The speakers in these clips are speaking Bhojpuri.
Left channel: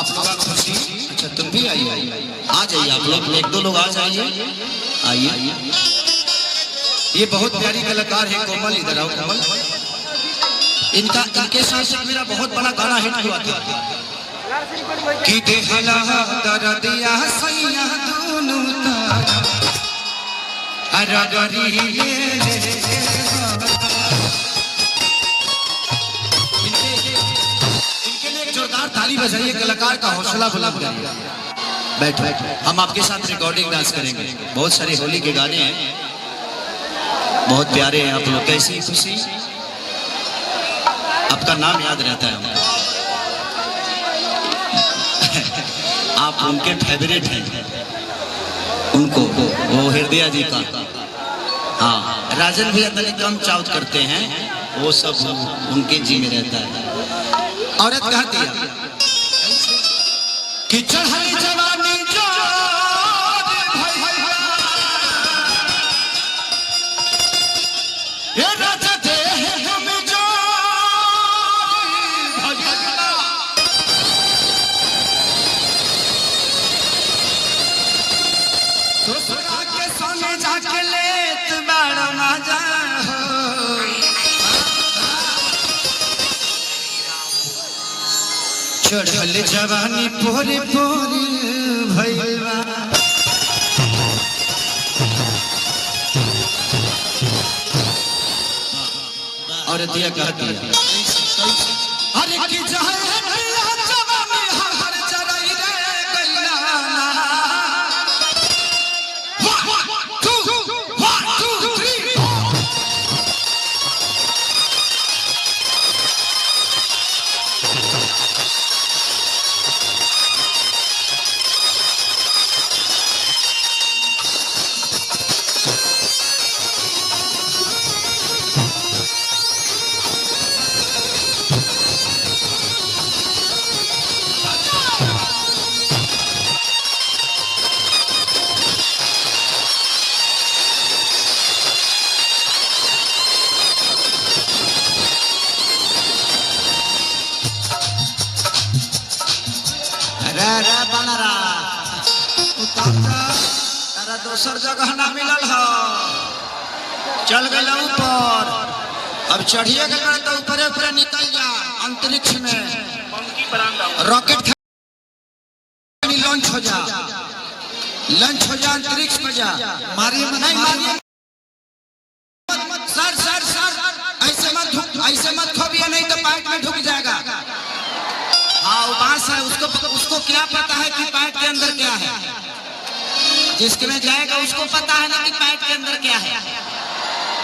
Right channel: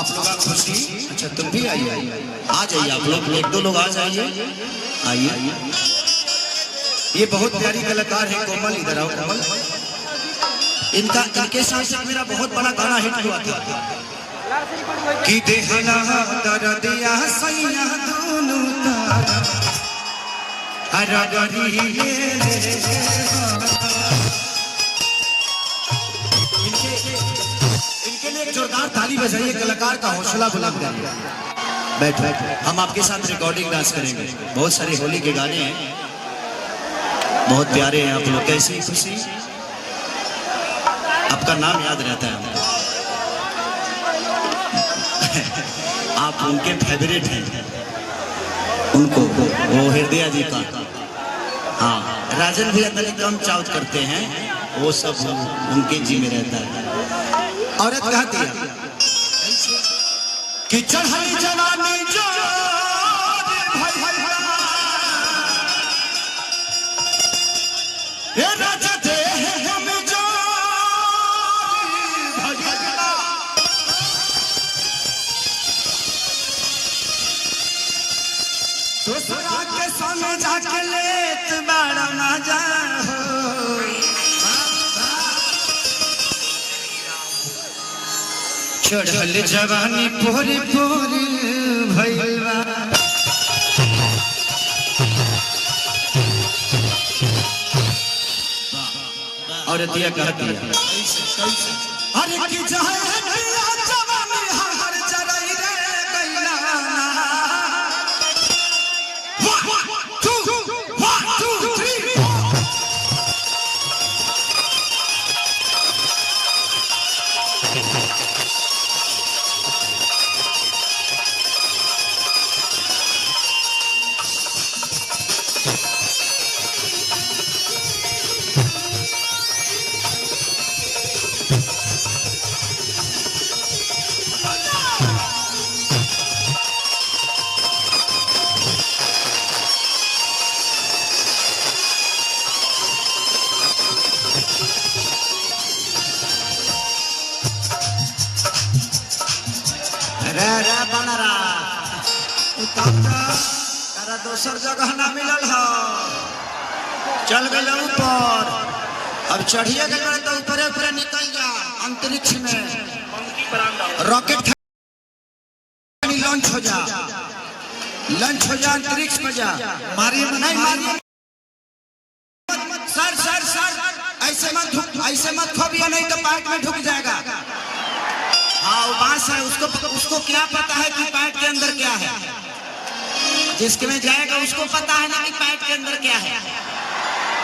आप लोग खुशी। अच्छा तुम भी आइए, आ जाइए आप लोग, एक दो लोग आ जाइए, आइए। ये बहुत प्यारी कलाकार है कोमल, इधर आओ कोमल। इनके साथ मेरा बहुत बड़ा गाना हिट हुआ था कि देहला दरदिया सैया दोनों तारा हरा गरी इनके लिए जोरदार ताली बजाइए, कलाकार का हौसला बुलंद करिए। बैठो, हम आपके साथ रिकॉर्डिंग डांस करेंगे। बहुत सारे होली के गाने हैं, बहुत प्यारे हैं आप लोग। कैसी खुशी, आपका नाम याद रहता है हमको। आप उनके फेवरेट हैं, उनको वो हृदय जी का। हाँ, राजन भैया तले तो हम चाउच करते हैं, वो सब उनके जी में रहता है। औरत कहती है कि चढ़ली जवानी जो ये राजा दे हम जो तो सरा के सोने जाके लेत बड़ा मजा हो। चढ़ल जवानी पोरे पोरे भैया और दिया कहती है अरे की जवानी हर चराई रे गैला। 1 2 3 रे बनरा तारा दोसर जगह ना मिलल हो, चल गए ऊपर। अब चढ़िए के तो ऊपर ऊपर निकल जा अंतरिक्ष में, रॉकेट लॉन्च हो जा, अंतरिक्ष में जा। मारिए नहीं मारिए, सर सर सर ऐसे मत खोबिए, नहीं तो पाइप में ढुक जाएगा। हाँ वो बांस है, उसको क्या पता है कि पैट के अंदर क्या है। जिसके में जाएगा उसको पता है ना कि पैट के अंदर क्या है।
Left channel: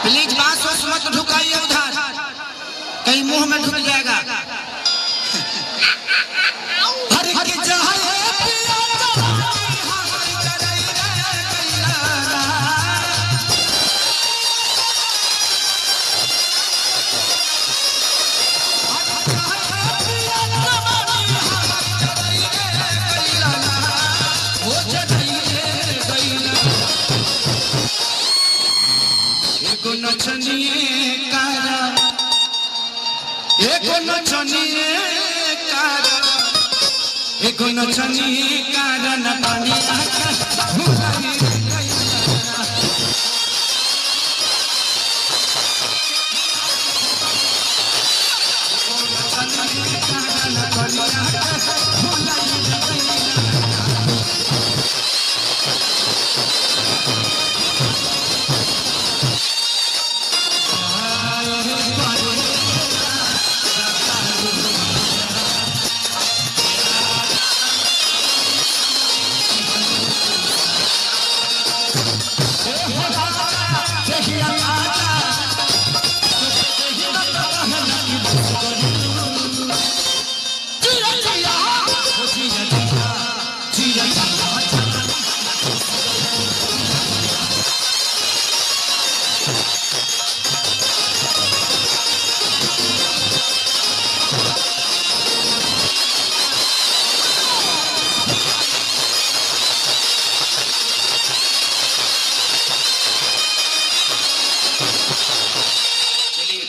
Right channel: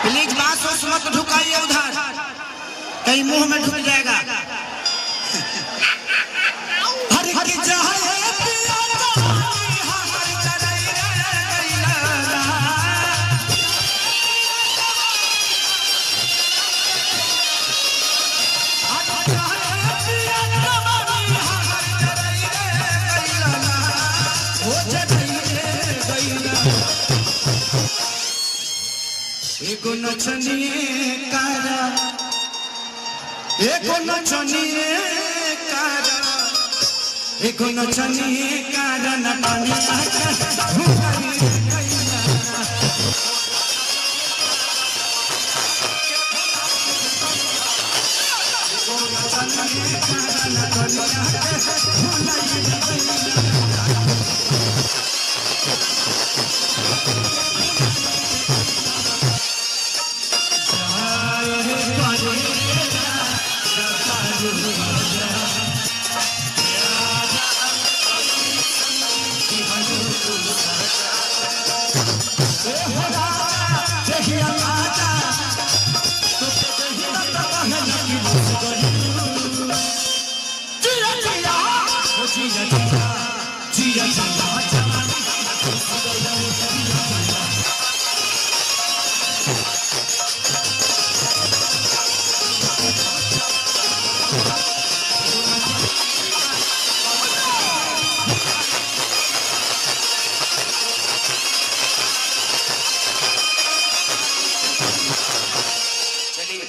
प्लीज बांस मत ढुकाइए उधर, कहीं मुंह में ढुक जाएगा। एको नचनिए कारा, एको नचनिए कारा, एको नचनिए कारा नटानी आता भुलारी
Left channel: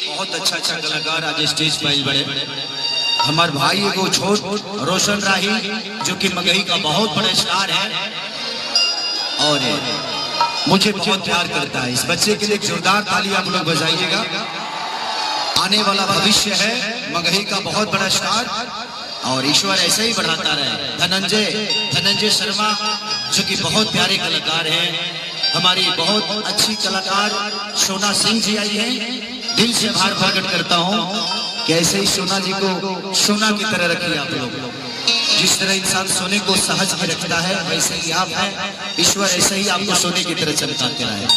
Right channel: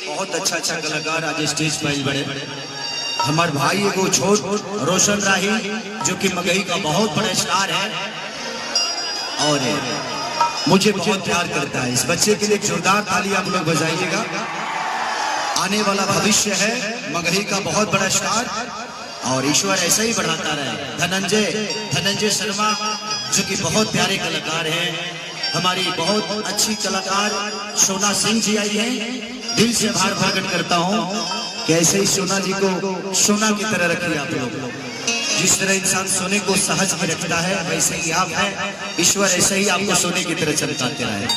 बहुत अच्छा कलाकार आज स्टेज पर बड़े हमारे भाई को छोट रोशन राही जो कि मगही का बहुत बड़ा स्टार है और मुझे बहुत प्यार करता है। इस बच्चे के लिए जोरदार ताली आप लोग बजाइएगा। आने वाला भविष्य है, मगही का बहुत बड़ा स्टार और ईश्वर ऐसे ही बढ़ाता रहे। धनंजय शर्मा जो कि बहुत प्यारे कलाकार हैं, हमारी बहुत अच्छी कलाकार सोना सिंह जी आई हैं। दिल से आभार प्रकट करता हूँ कि ऐसे ही सोना जी को सोना की तरह रखिए आप लोग। जिस तरह इंसान सोने को सहज में रखता है वैसे ही आप हैं। ईश्वर ऐसे ही आपको सोने की तरह चमकाते रहे।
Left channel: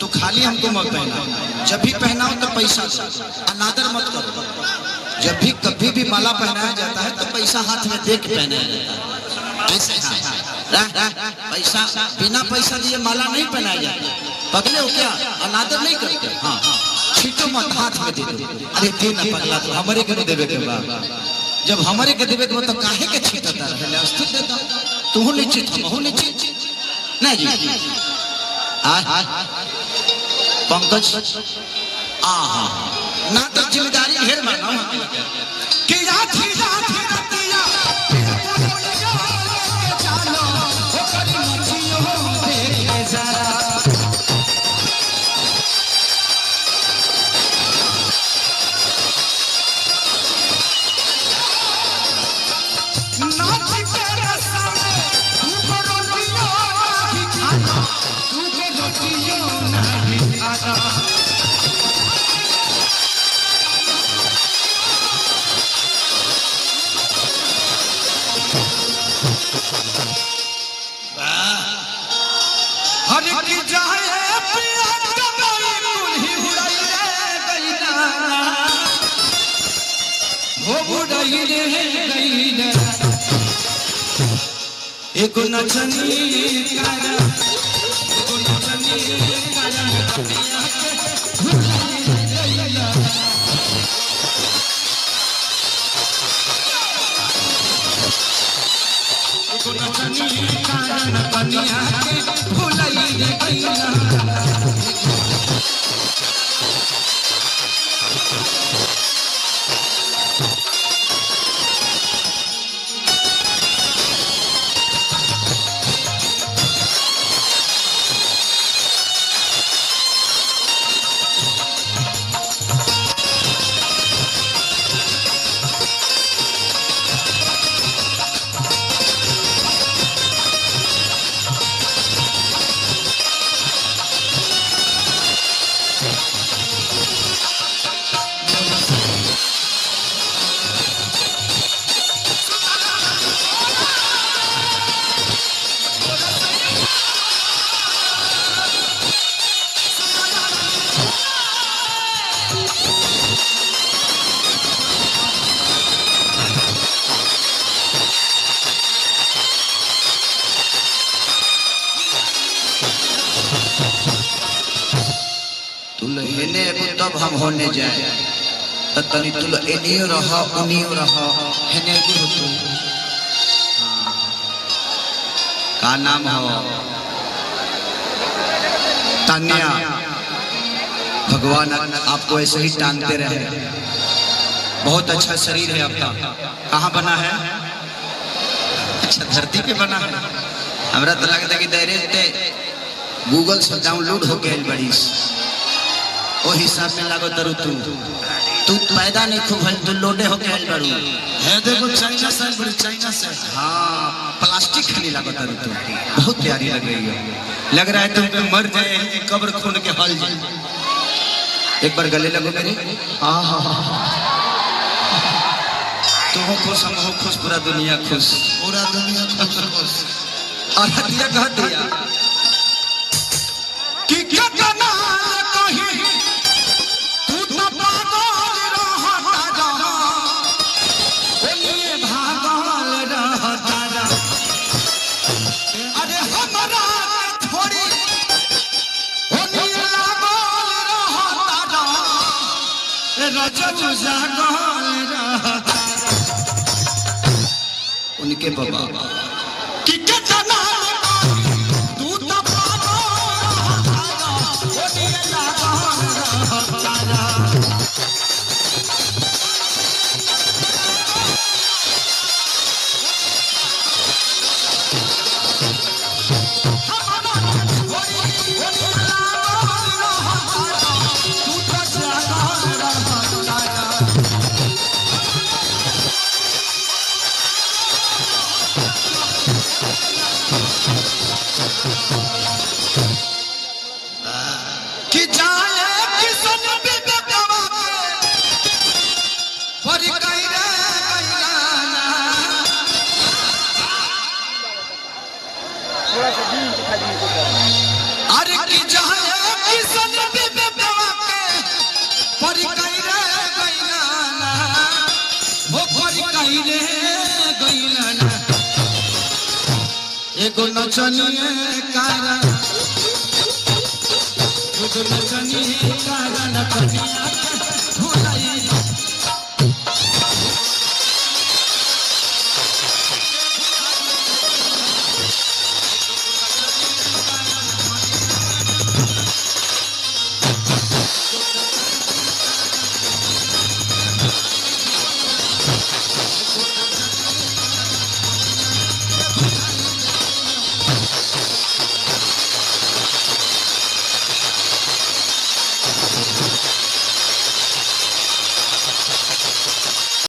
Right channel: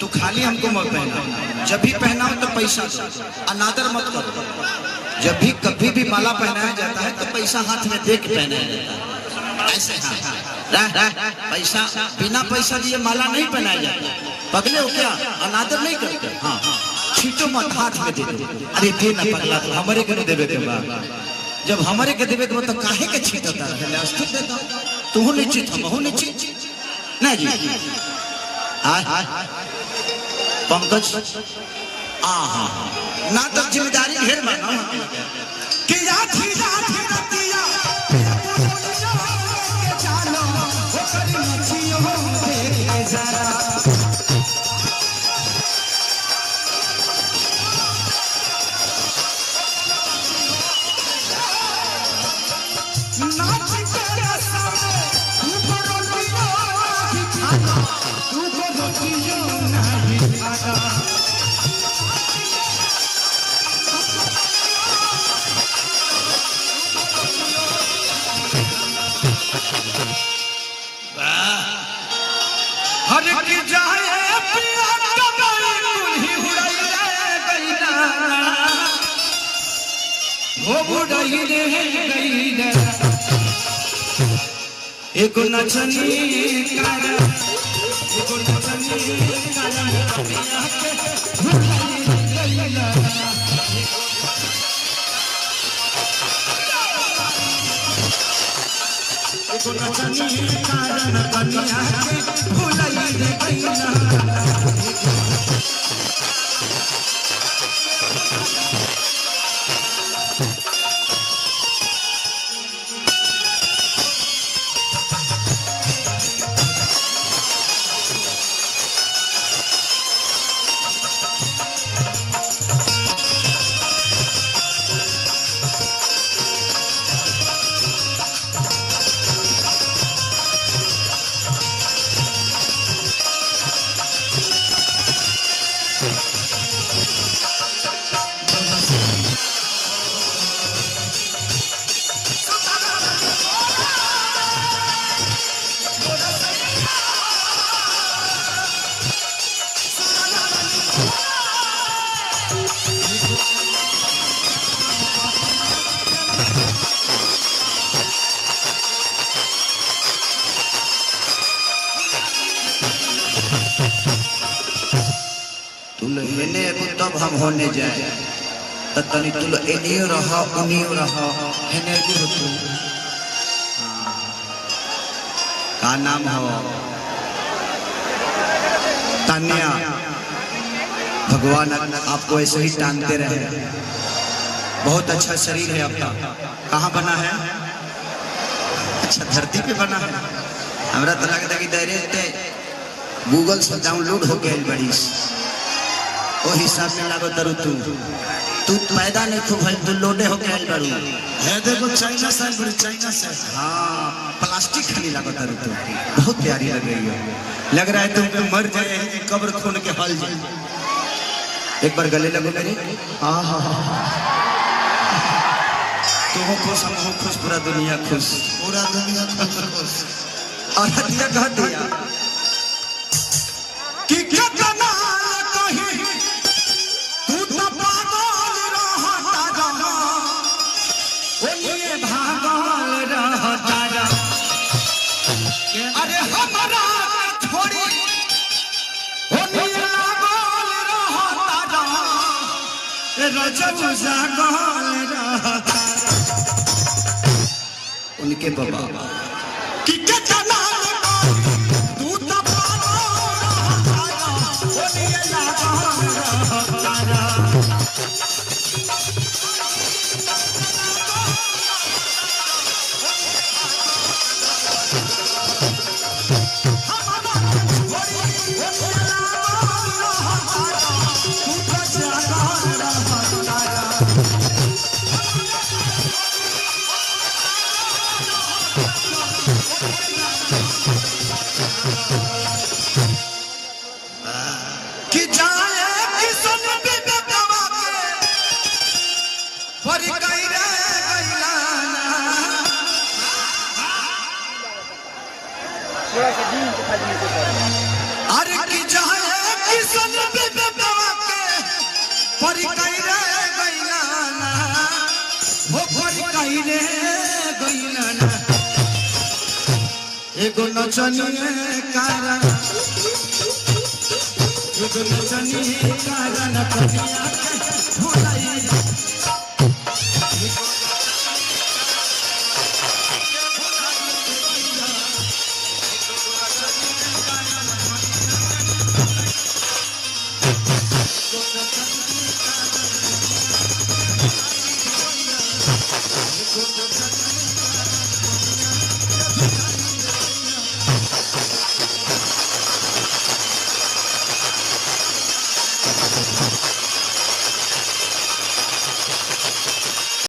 तो खाली हमको मत पहना, जब भी पहनाओ तो पैसा दो, अनादर मत करो। जब भी कभी भी माला पहनाया जाता है तो पैसा हाथ में दे के पहनाया जाता है। ऐसे पैसा बिना पैसा दिए माला नहीं पहनाया जाता। पगले हो क्या? अनादर नहीं करते। हाँ छीटो मत, हाथ में दे दो। अरे दे ना पगला, तो हमारे के नहीं देवे के बाद जब हमारे के देवे के मतलब काहे के छीटता रहे? अस्थिर देता तू निश्चित हम निश्चित नहीं जी। पंकज ना तो जिम्मेदारी ढेर मानो कि एक नचनी तब हम होने जाए तनी तुल एनियो रहा उनियो रहा हेने की हो तू। का नाम हो? तान्या। भगवान आपको ऐसे ही टांगते रहे। बहुत अच्छा शरीर है आपका। कहाँ बना है? अच्छा धरती पे बना है। हमरा तो लगता है कि डायरेक्ट गूगल से डाउनलोड हो गई बड़ी ओ हिसाब से लागो तरु तू पैदा नहीं खूब है, तू लोडे हो गए करू है। देखो चाइना से हाँ प्लास्टिक खाली लागो तरु तू बहुत प्यारी लग रही है। लग रहा है तुम मर जाए कब्र खून के हल जाए। एक बार गले लगो मेरे। तू हो खुश, हम हो खुश, पूरा दुनिया खुश, खुश। और हटिया कह दिया कि कितना अरे हमारा थोड़ी रजब जागल रहता इनके बाबा कि चना तू तो कि जाए किसन भी बेकवा के पर गई रे गईलाना अरे कि जाए किसन भी बेकवा के पर गई रे गईलाना वो पर गई रे गईलाना एगो नचनिए कारा एगो नचनिए कारा नचनिया भुलाई